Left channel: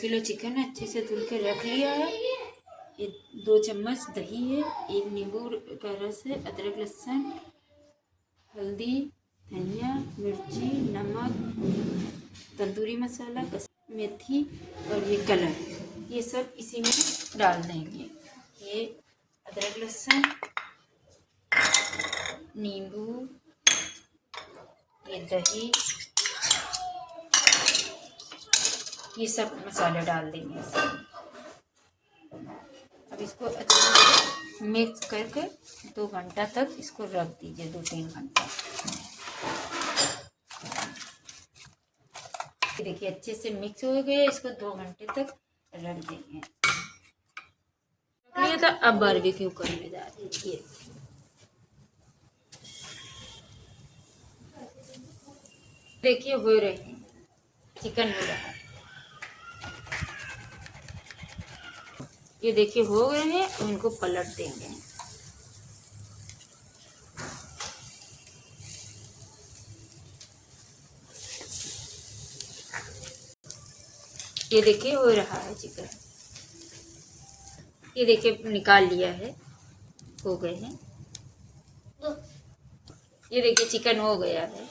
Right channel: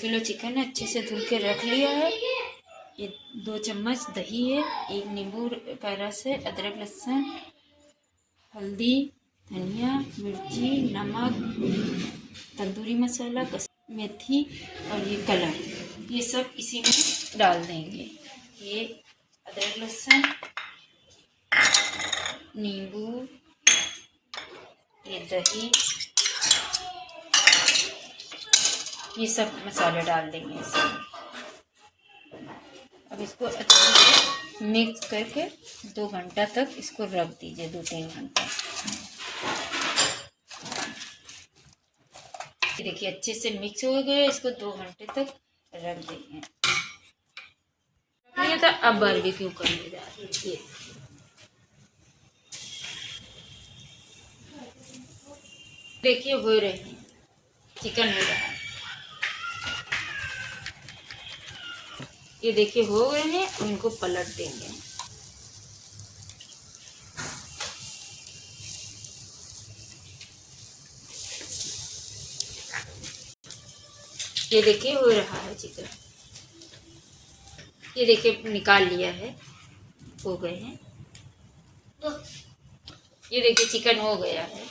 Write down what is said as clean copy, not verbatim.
Kilo chicken अच्छे से धुल के रख लिया है। ये 2 चम्मच दही है, 1 नींबू का रस है, अदरक लहसुन, हल्दी, धनिया, मिर्ची, नमक, तंदूरी मसाला, मेथी और ये कलर, ये सब इसी में डाल देंगे। ये अदरक लहसुन, नींबू, ये दही, ये सब मसाले डाल देंगे इसमें। अब इसको अच्छे से मिक्स करके 2 घंटा तक इसको रख दीजिए, 2-3 घंटा। देखिए अच्छे से मिक्स हो गए, इसको 2 घंटे तक रख देंगे। तो अब बारबेक्यू करने जा रही है। देखिए हो रहे हैं, चिकन हो रहा है, ये देखिए हो गए हैं। उनको पलट देंगे। ये देखिए हो रहा है चिकन, ये देखिए निकाल लिया है, हो गए हैं। ये देखिए चिकन हो गया है।